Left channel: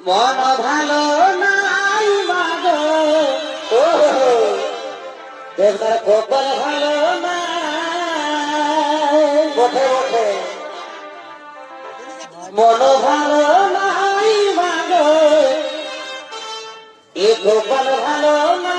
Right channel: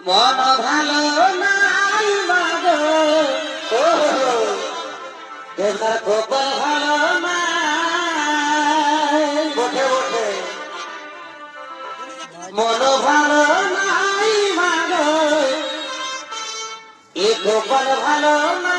মন ভালো নাই মাগো ও দেবদার কপাল ভালো নাই বটে বটে মন ভালো নাই মাগো এ কপাল ভালো না